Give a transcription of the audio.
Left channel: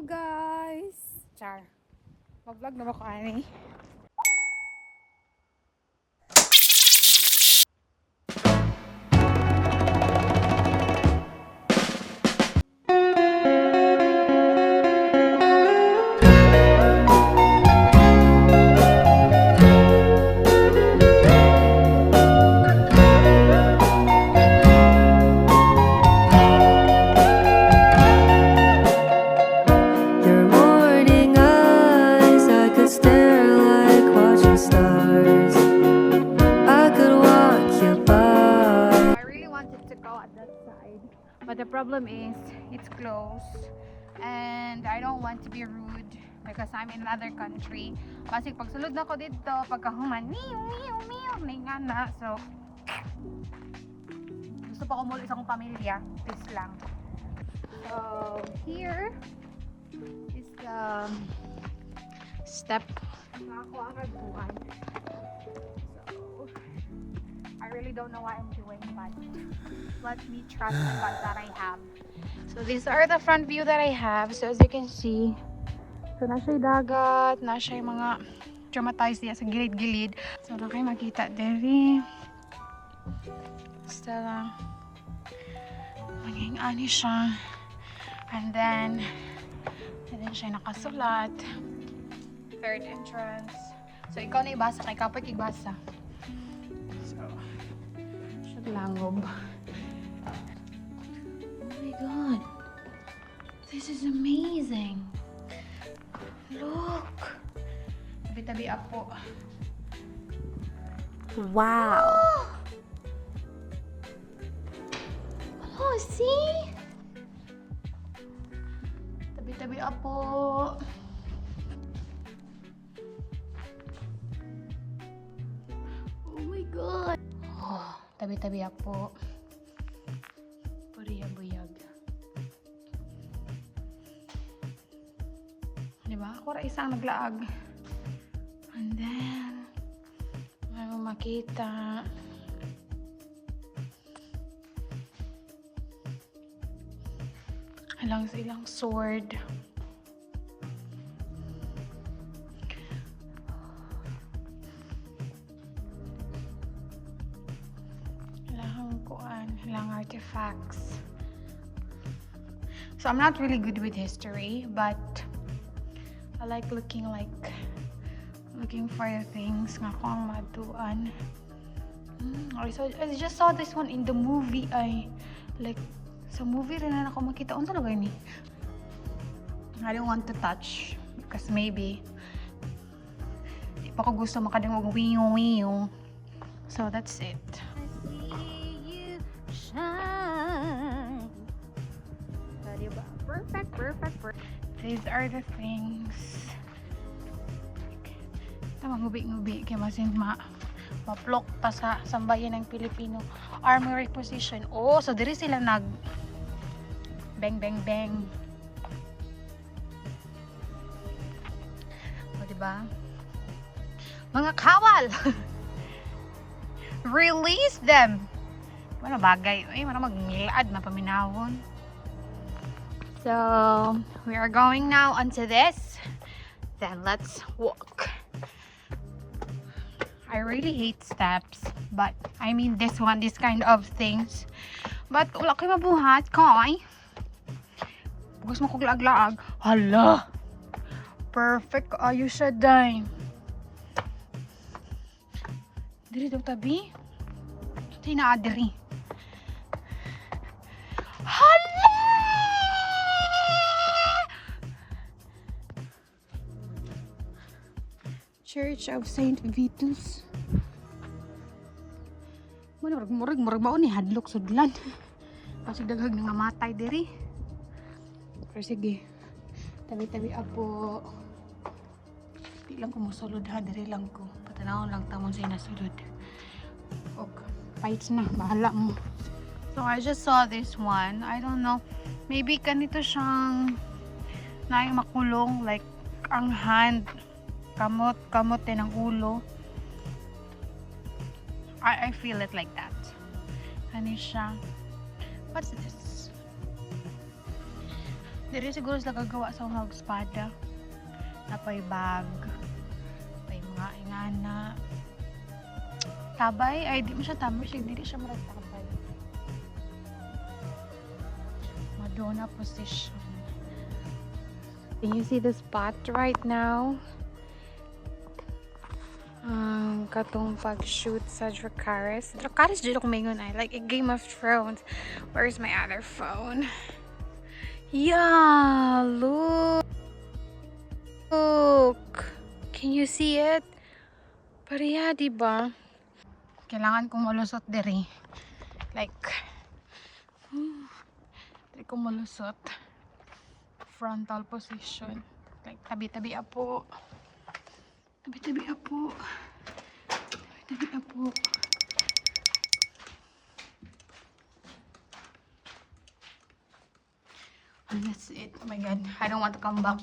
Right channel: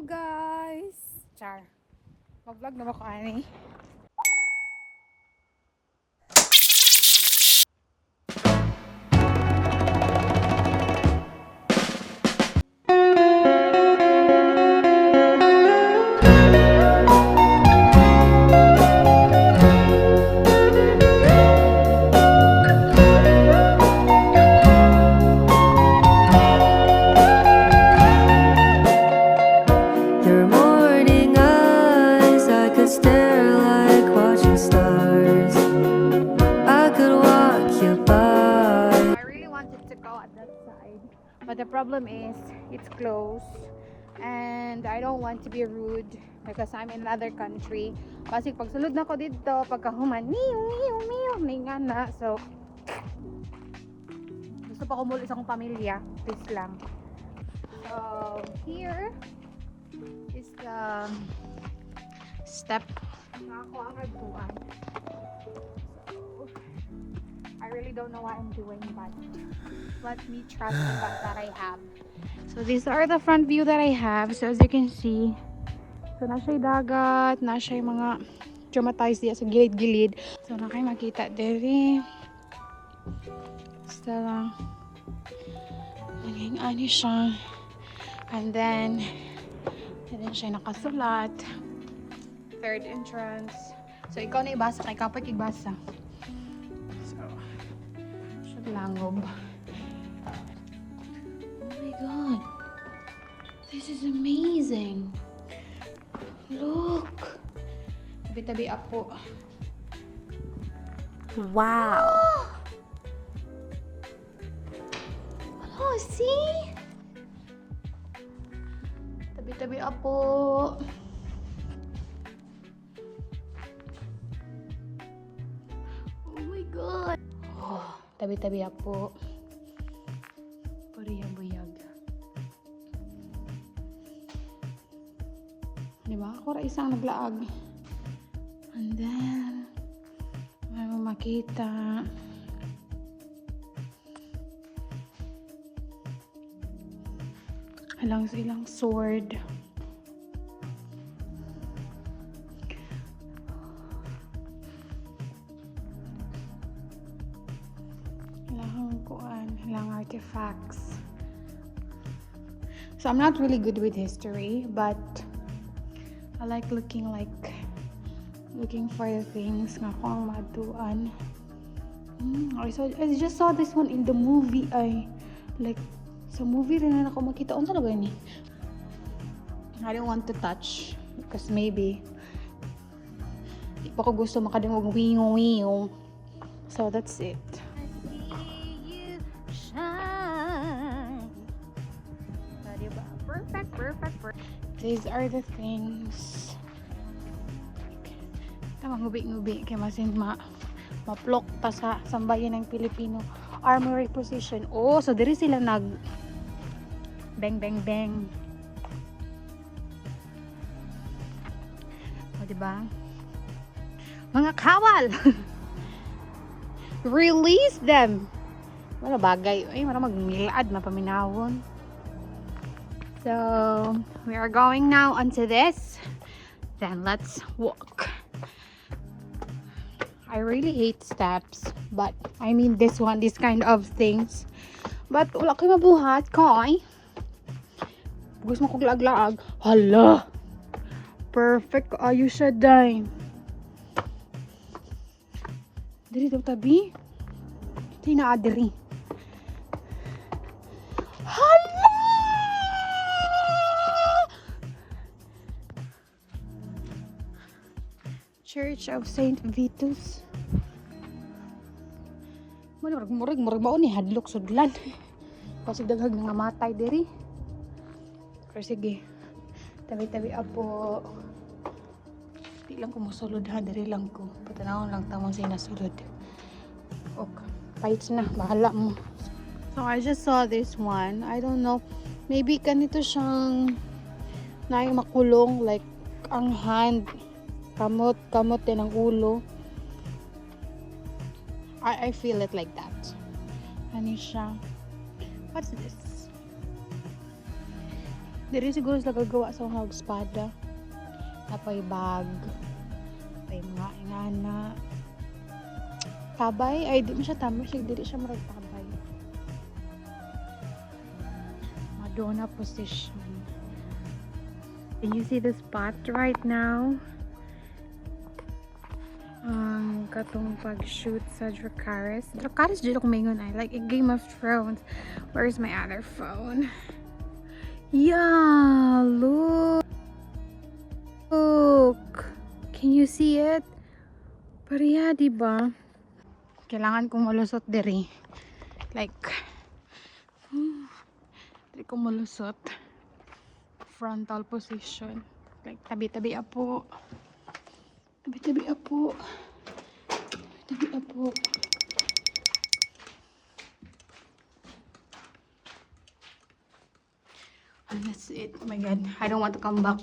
Hello guys! Char. Mag-vlog na ba ko ani? Your morning eyes, I could stare like watching stars. I could walk you by. I really wanted to go at that side, but the problem is it's closed and I don't want to be rude because I'm in another country. Kasi pag sulod na ko dito, pagkahuman, ninga na. So, gusto pa ko muli sa akong pamilya. Please lang. So, here is the step na ako ang nagbuwan. So, I really don't know what I'm doing, but let me trust the ones that I have. So these are the front view that I have. So as you can see, so nasa yung dagat, nasa yung mga traumatized diya sa gilid-gilid. So na kayo makita diri. Basta lang maging ani siya. And then siya nakasulat. Third entrance. So ikaw na ibasa, ikaw pa ibasa. So sa langob. Oh my god, this is amazing. Look, tabi-tabi ako. Wow. Oh, see? Tabi-tabi ako. Oh my god. Tabi-tabi ako. Pariyang-buyag. Diba? Ako rin isang naglaag. And then, ano makita. Alang silang sword. Artifacts. So I'm not really good with history, but I like looking for things nga ko ang matuan. I just saw this one in the movie. Sa movie rin na ako makita. Ano talaga yun eh? I don't want to touch because maybe di pa ko gusto makadungog wiyong. So that's it. Perfect. These are the things. Ngubi-ngubi kaya masin ma-plok pa sa sambayan ng Pilipino armory position. Oh, so diri sila nag bang. O, diba? Mga kawal! Release them! Mga bagay. Ay, marang mag-ngilaad, mapaminawon. So, we are going now onto this. Then let's walk. I really hate steps, but I mean this kind of things. But wala kayo mabuhat, kay. Gusto mo kong laag-laag. Hala! Perfect ayos sa dime. Diri daw tabi. Ito na adiri. Church of Saint Vitus. Murag mao ni hadlok sudlan. Kasi daghag nga matay diri. Pero sige. Tabi-tabi apo. Di lang ko musulod ha, diri lang ko. Patanawon lang tamon sa nasulod. Okay. Fights na, bahala mo. So I just saw this one. I don't know. Maybe kanito siyang makulong like ang hand. Kamot din ang ulo. I feel it like that. Ano siya? What's this? Diri siguro sila gagawa sa mga espada. Apoy bag. Apoy mga inana. Tabay. Ay, di mo siya tama. Dili siya tabay. Madonna position. Can you see the spot right now? Katong pag-shoot sa Dracarys. Dracarys dito kung mingon ay. Like a Game of Thrones. Where's my other phone? Yeah, look. Can you see it? Pareha, diba? Kailangan kong malusot diri. Like, diri kong malusot. Frontal position. Like, tabi-tabi apo. Tabi-tabi apo. Tabi-tabi apo. Oh, that's it. Oh my god. I don't want to come back.